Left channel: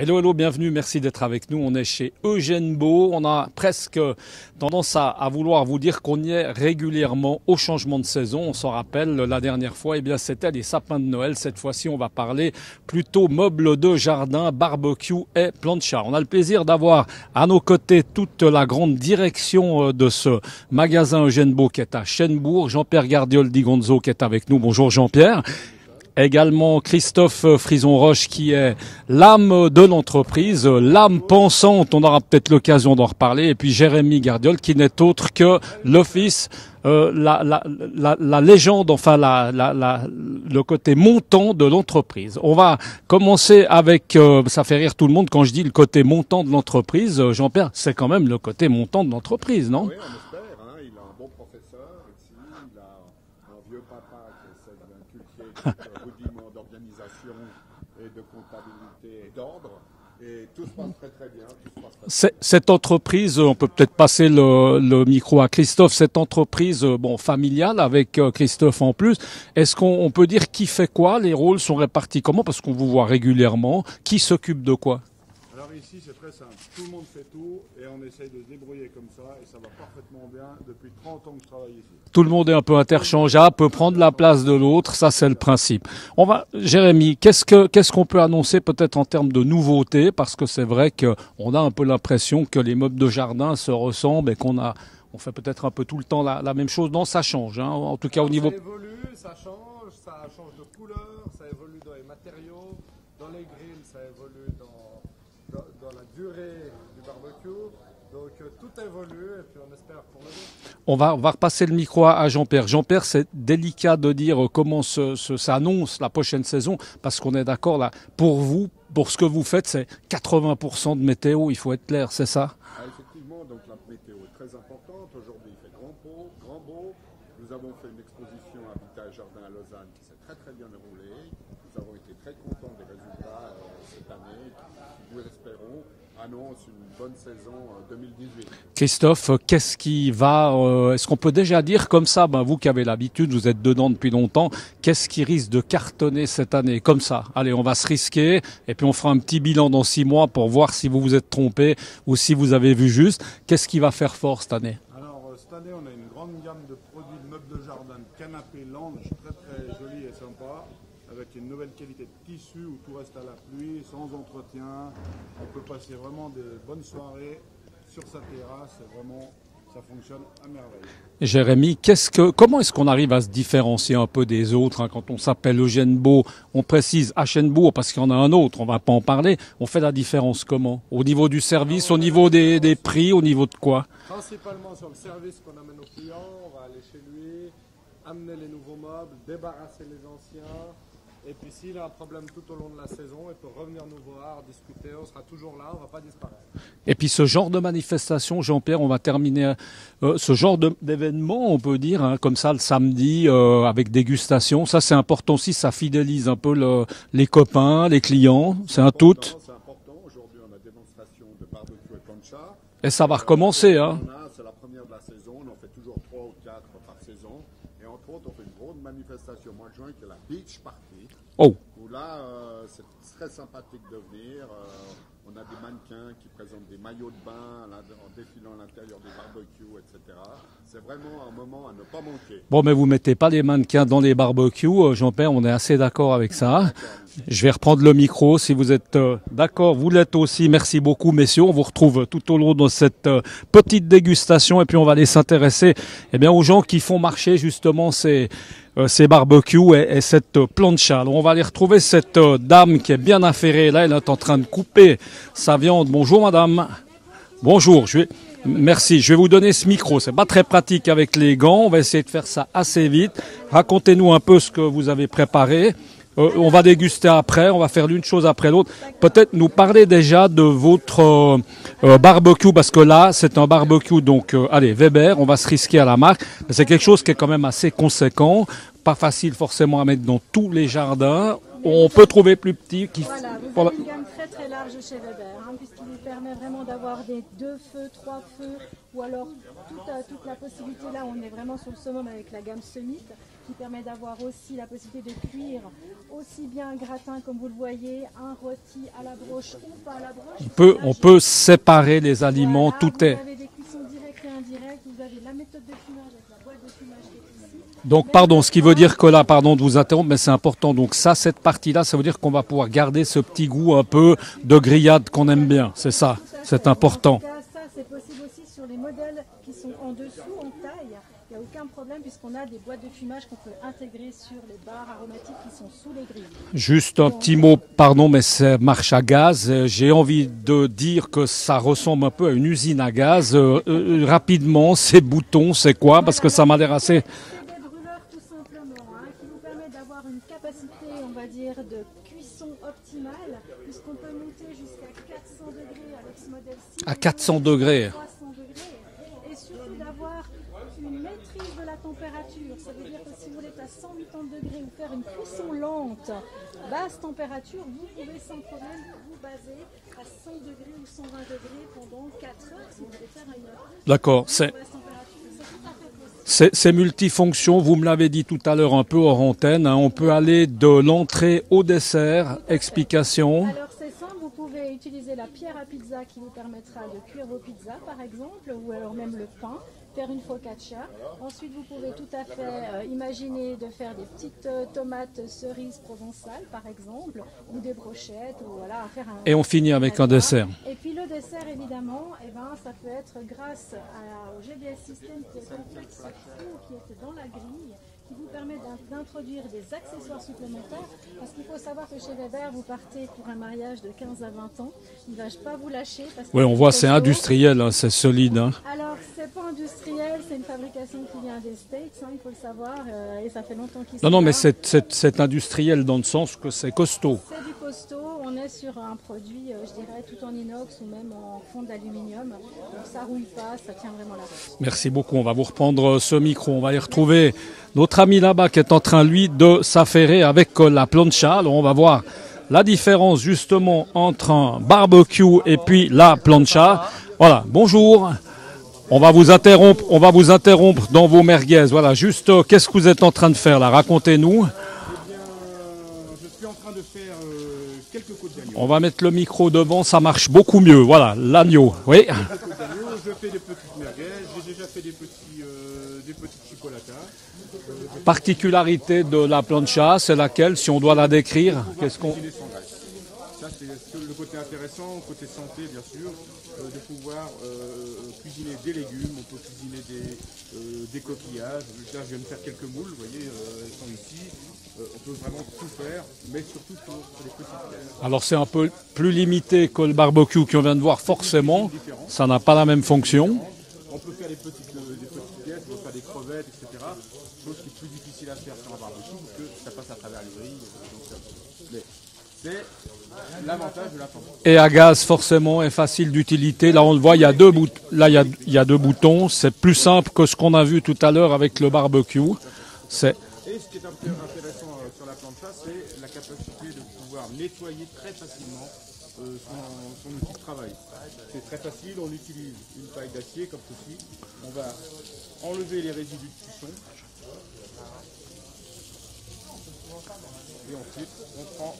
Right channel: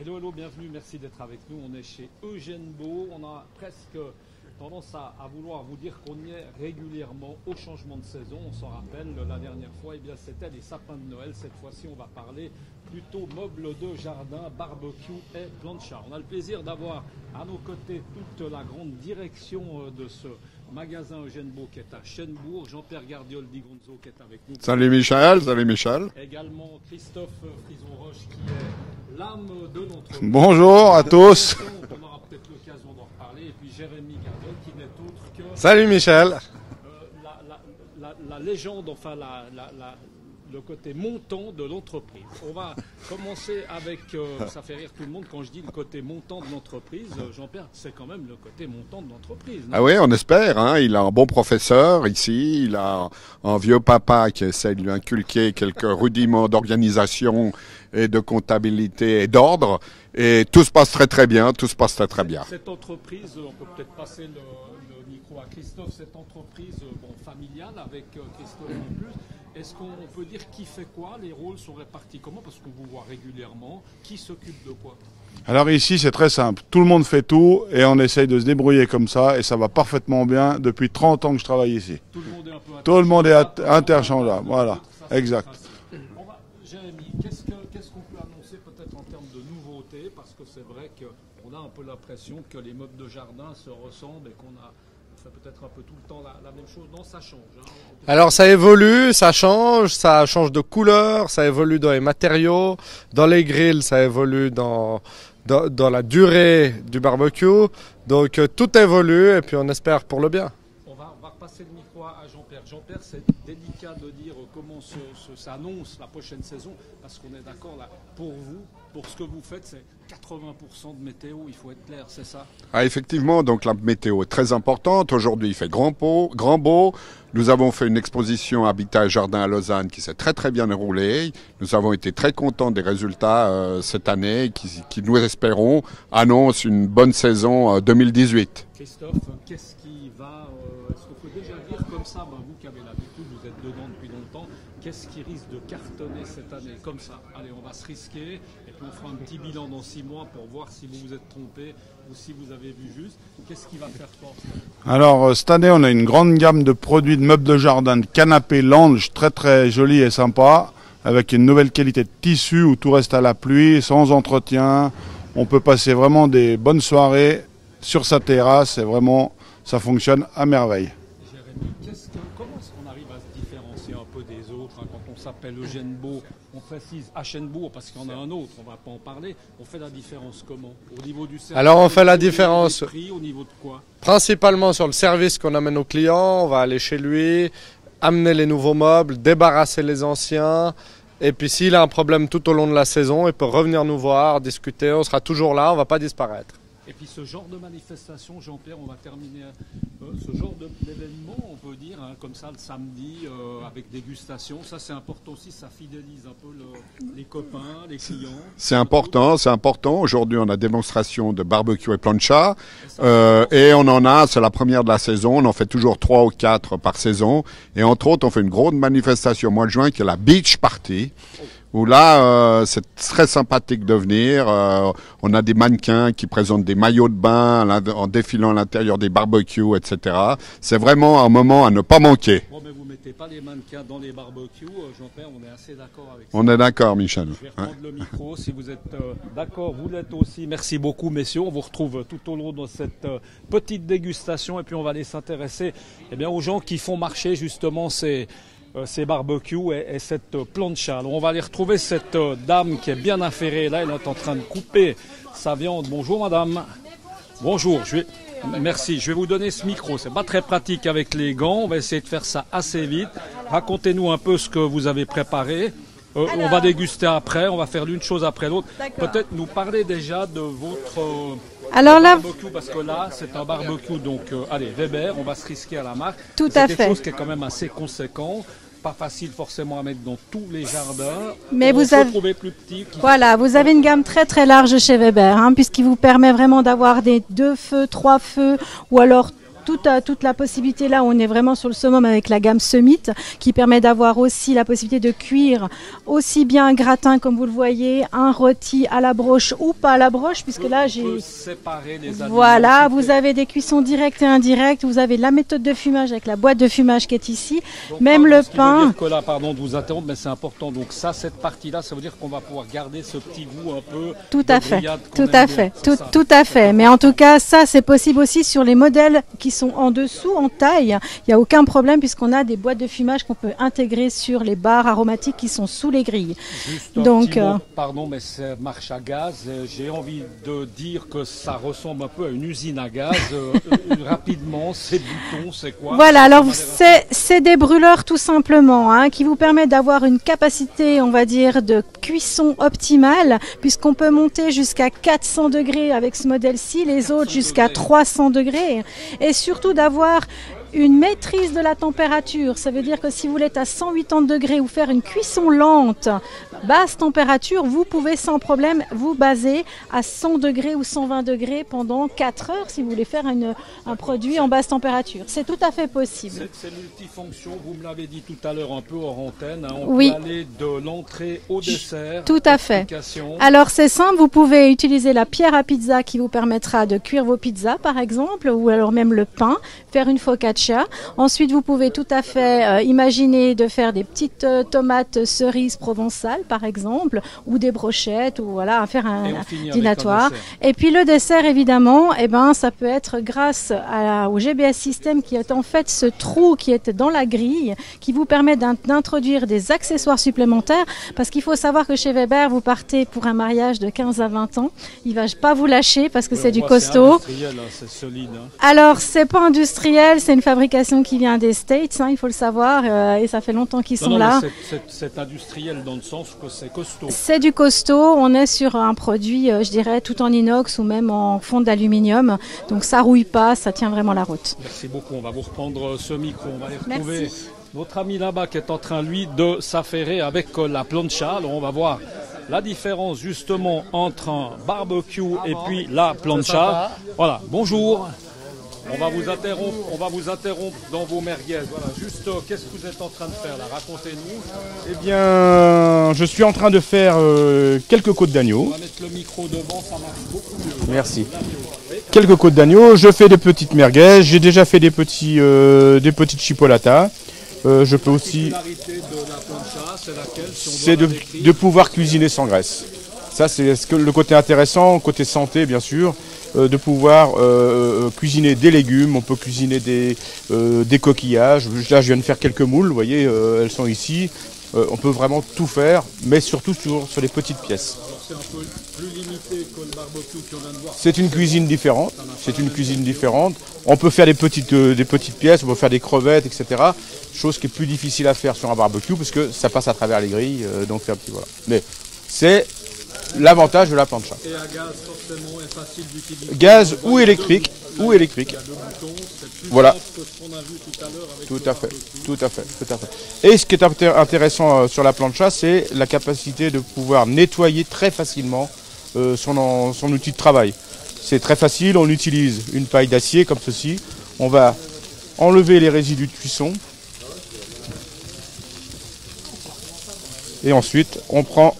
Hello, hello, bienvenue, merci d'être avec nous. On est chez Eugène Beau. On a presque tendance à vouloir vous dire qu'on y est régulièrement au changement de saison. On s'en rappelle, la dernière fois, eh bien, c'était les sapins de Noël. Cette fois-ci, on va parler plutôt meubles de jardin, barbecue et plancha. On a le plaisir d'avoir à nos côtés toute la grande direction de ce magasin Eugène Beau qui est à Chênebourg. Jean-Pierre Gardiol Di Gonzo qui est avec nous. Bonjour Jean-Pierre. Salut Michel. Également Christophe Frison-Roche qui est l'âme de l'entreprise, l'âme pensante, on aura peut-être l'occasion d'en reparler, et puis Jérémy Gardiol qui n'est autre que le fils, la légende, enfin le côté montant de l'entreprise. On va commencer avec, ça fait rire tout le monde quand je dis le côté montant de l'entreprise. Jean-Pierre, c'est quand même le côté montant de l'entreprise, non? Ah oui, on espère, hein. Il a un bon professeur ici, il a un vieux papa qui essaie de lui inculquer quelques rudiments d'organisation et de comptabilité et d'ordre. Et tout se passe très très bien, tout se passe très bien. Cette entreprise, on peut peut-être passer le micro à Christophe, cette entreprise familiale avec Christophe en plus, est-ce qu'on peut dire qui fait quoi? Les rôles sont répartis comment? Parce qu'on vous voit régulièrement. Qui s'occupe de quoi? Alors ici, c'est très simple. Tout le monde fait tout et on essaye de se débrouiller comme ça et ça va parfaitement bien depuis 30 ans que je travaille ici. Tout le monde est un peu interchangeable, peut prendre la place de l'autre, ça c'est le principe. Jérémy, qu'est-ce qu'on peut annoncer peut-être en termes de nouveautés? Parce que c'est vrai qu'on a un peu l'impression que les meubles de jardin se ressemblent et on fait peut-être un peu tout le temps la même chose. Non, ça change. Hein, en tout cas, alors ça évolue, ça change de couleur, ça évolue dans les matériaux, dans les grilles, ça évolue dans la durée du barbecue. Donc tout évolue et puis on espère pour le bien. On va repasser le micro à Jean-Pierre. Jean-Pierre, c'est délicat de dire comment s'annonce la prochaine saison, parce qu'on est d'accord là, pour vous, pour ce que vous faites, c'est 80% de météo, il faut être clair, c'est ça? Ah, effectivement, donc la météo est très importante. Aujourd'hui, il fait grand beau. Nous avons fait une exposition Habitat et Jardin à Lausanne qui s'est très très bien déroulée. Nous avons été très contents des résultats cette année qui, nous espérons, annoncent une bonne saison 2018. Christophe, qu'est-ce qui va... est-ce qu'on peut déjà dire comme ça, vous qui avez l'habitude, vous êtes dedans depuis longtemps, qu'est-ce qui risque de cartonner cette année comme ça? Allez, on va se risquer et puis on fera un petit bilan dans 6 mois pour voir si vous vous êtes trompé ou si vous avez vu juste. Qu'est-ce qui va faire fort cette année? Alors cette année, on a une grande gamme de produits de meubles de jardin, de canapés lounge très très jolis et sympas, avec une nouvelle qualité de tissu où tout reste à la pluie, sans entretien. On peut passer vraiment des bonnes soirées sur sa terrasse et vraiment ça fonctionne à merveille. Jérémy, comment est-ce qu'on arrive à se différencier un peu des autres quand on s'appelle Eugène Beau? On précise à Chênebourg parce qu'il y en a un autre, on ne va pas en parler. On fait la différence comment? Au niveau du service, alors on fait niveau des prix, au niveau de quoi? Principalement sur le service qu'on amène aux clients, on va aller chez lui, amener les nouveaux meubles, débarrasser les anciens. Et puis s'il a un problème tout au long de la saison, il peut revenir nous voir, discuter, on sera toujours là, on ne va pas disparaître. Et puis ce genre de manifestation, Jean-Pierre, on va terminer ce genre d'événement, on peut dire, comme ça le samedi, avec dégustation. Ça c'est important aussi, ça fidélise un peu les copains, les clients. C'est important, c'est important. Aujourd'hui on a démonstration de barbecue et plancha. Et ça va recommencer. Et on en a, c'est la première de la saison, on en fait toujours 3 ou 4 par saison. Et entre autres, on fait une grande manifestation au mois de juin qui est la Beach Party. Oh. Où là, c'est très sympathique de venir. On a des mannequins qui présentent des maillots de bain en défilant à l'intérieur des barbecues, etc. C'est vraiment un moment à ne pas manquer. Bon, mais vous mettez pas les mannequins dans les barbecues, Jean-Pierre, on est assez d'accord avec ça. On est d'accord, Michel. Je vais reprendre le micro si vous êtes d'accord. Vous l'êtes aussi. Merci beaucoup, messieurs. On vous retrouve tout au long de cette petite dégustation et puis on va aller s'intéresser aux gens qui font marcher justement ces barbecues et cette plancha. Alors on va aller retrouver cette dame qui est bien affairée. Là, elle est en train de couper sa viande. Bonjour madame. Bonjour. Merci. Je vais vous donner ce micro. C'est pas très pratique avec les gants. On va essayer de faire ça assez vite. Racontez-nous un peu ce que vous avez préparé. On va déguster après. On va faire l'une chose après l'autre. Peut-être nous parler déjà de votre barbecue, parce que là, c'est un barbecue. Donc, allez, Weber, on va se risquer à la marque. C'est quelque chose qui est quand même assez conséquent. Pas facile forcément à mettre dans tous les jardins. Mais on peut trouver plus petit. Voilà, vous avez une gamme très très large chez Weber, puisqu'il vous permet vraiment d'avoir des 2 feux, 3 feux, ou alors toute la possibilité là, on est vraiment sur le summum avec la gamme Summit, qui permet d'avoir aussi la possibilité de cuire aussi bien un gratin, comme vous le voyez, un rôti à la broche ou pas à la broche, puisque là, on peut séparer les aliments. Voilà, vous avez des cuissons directes et indirectes, vous avez la méthode de fumage avec la boîte de fumage qui est ici. Donc, Même pardon, le ce qui veut dire que là, pardon de vous interrompre, mais c'est important. Donc ça, cette partie-là, ça veut dire qu'on va pouvoir garder ce petit goût un peu de grillade qu'on aime bien. Tout à fait. Mais en tout cas, ça, c'est possible aussi sur les modèles qui sont en dessous, en taille. Il n'y a aucun problème puisqu'on a des boîtes de fumage qu'on peut intégrer sur les barres aromatiques qui sont sous les grilles. Juste un petit mot, pardon, mais c'est marche à gaz. J'ai envie de dire que ça ressemble un peu à une usine à gaz. Rapidement, ces boutons, c'est quoi? Voilà, parce que alors c'est des brûleurs tout simplement, hein, qui vous permettent d'avoir une capacité, on va dire, de cuisson optimale, puisqu'on peut monter jusqu'à 400 degrés avec ce modèle-ci, les autres jusqu'à 300 degrés, et surtout d'avoir une maîtrise de la température. Ça veut dire que si vous êtes à 180 degrés ou faire une cuisson lente, basse température, vous pouvez sans problème vous baser à 100 degrés ou 120 degrés pendant 4 heures si vous voulez faire un produit en basse température. C'est tout à fait possible. C'est multifonction, vous me l'avez dit tout à l'heure un peu hors antenne, hein, on peut aller de l'entrée au dessert. Tout à Explication. fait. Alors c'est simple, vous pouvez utiliser la pierre à pizza qui vous permettra de cuire vos pizzas par exemple, ou alors même le pain, faire une focaccia. Ensuite, vous pouvez tout à fait imaginer de faire des petites tomates cerises provençales, par exemple, ou des brochettes, ou voilà, faire un et on finit dînatoire. avec un dessert. Et puis le dessert, évidemment, ça peut être grâce au GBS System qui est en fait ce trou qui est dans la grille, qui vous permet d'introduire des accessoires supplémentaires, parce qu'il faut savoir que chez Weber, vous partez pour un mariage de 15 à 20 ans. Il ne va pas vous lâcher parce que c'est du costaud. C'est industriel, hein, c'est solide. Hein. Alors, c'est pas industriel, c'est une fabrication qui vient des States, hein, il faut le savoir, et ça fait longtemps qu'ils sont là. Non, mais c'est industriel dans le sens que c'est costaud. C'est du costaud, on est sur un produit, je dirais, tout en inox ou même en fond d'aluminium, donc ça rouille pas, ça tient vraiment la route. Merci beaucoup, on va vous reprendre ce micro, on va y retrouver notre ami là-bas qui est en train, lui, de s'affairer avec la plancha. Alors, on va voir la différence justement entre un barbecue et puis la plancha. Voilà, bonjour. On va vous interrompre dans vos merguez. Voilà, juste, qu'est-ce que vous êtes en train de faire là? Racontez-nous. Eh bien, je suis en train de faire quelques côtes d'agneau. On va mettre le micro devant, ça marche beaucoup mieux. Voilà, l'agneau. Oui. Quelques côtes d'agneau. Je fais des petites merguez. J'ai déjà fait des petites chipolatas. Particularité de la plancha, c'est laquelle, si on doit la décrire? De pouvoir cuisiner sans graisse. Ça, c'est le côté intéressant, côté santé, bien sûr. De pouvoir cuisiner des légumes, on peut cuisiner des coquillages. Là, je viens de faire quelques moules, vous voyez, elles sont ici. On peut vraiment tout faire, mais surtout toujours sur les petites pièces. Alors c'est un peu plus limité que le barbecue qu'on vient de voir. C'est une cuisine différente. Ça n'a pas la même fonction. Différente. On peut faire des petites pièces, on peut faire des crevettes, etc. Chose qui est plus difficile à faire sur un barbecue parce que ça passe à travers les grilles. Donc voilà. Mais c'est l'avantage de la plancha. Et à gaz, forcément, est facile d'utilité. Là, on le voit, il y a deux boutons. C'est plus simple que ce qu'on a vu tout à l'heure avec le barbecue. Tout à fait. Et ce qui est intéressant sur la plancha, c'est la capacité de pouvoir nettoyer très facilement son outil de travail. C'est très facile, on utilise une paille d'acier comme ceci. On va enlever les résidus de cuisson. Et ensuite, on prend...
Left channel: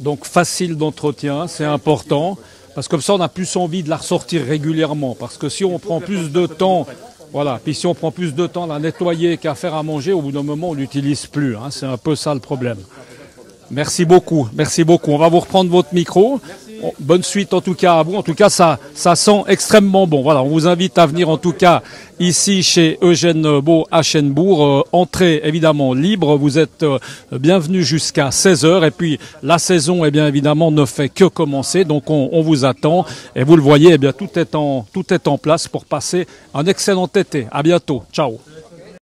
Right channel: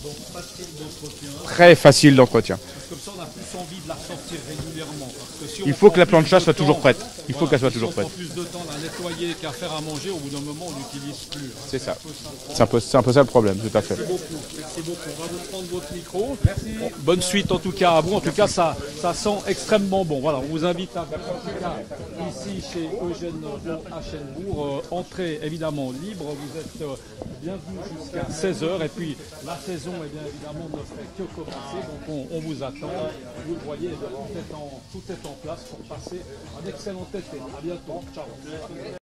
Donc facile d'entretien. Très facile d'entretien. Parce que comme ça, on a plus envie de la ressortir régulièrement. Parce que si il faut que la plancha soit toujours prête. Si on prend plus de temps à la nettoyer qu'à faire à manger, au bout d'un moment, on l'utilise plus. Hein. C'est un peu ça le problème. C'est un peu ça le problème. Merci beaucoup. Merci beaucoup. On va vous reprendre votre micro. Bonne suite en tout cas à vous. En tout cas, ça sent extrêmement bon. Voilà, on vous invite à venir en tout cas ici chez Eugène Beau à Chênebourg. Entrée évidemment libre. Vous êtes bienvenus jusqu'à 16h. Et puis la saison, eh bien évidemment, ne fait que commencer. Donc on vous attend. Et vous le voyez, eh bien tout est en place pour passer un excellent été. À bientôt. Ciao.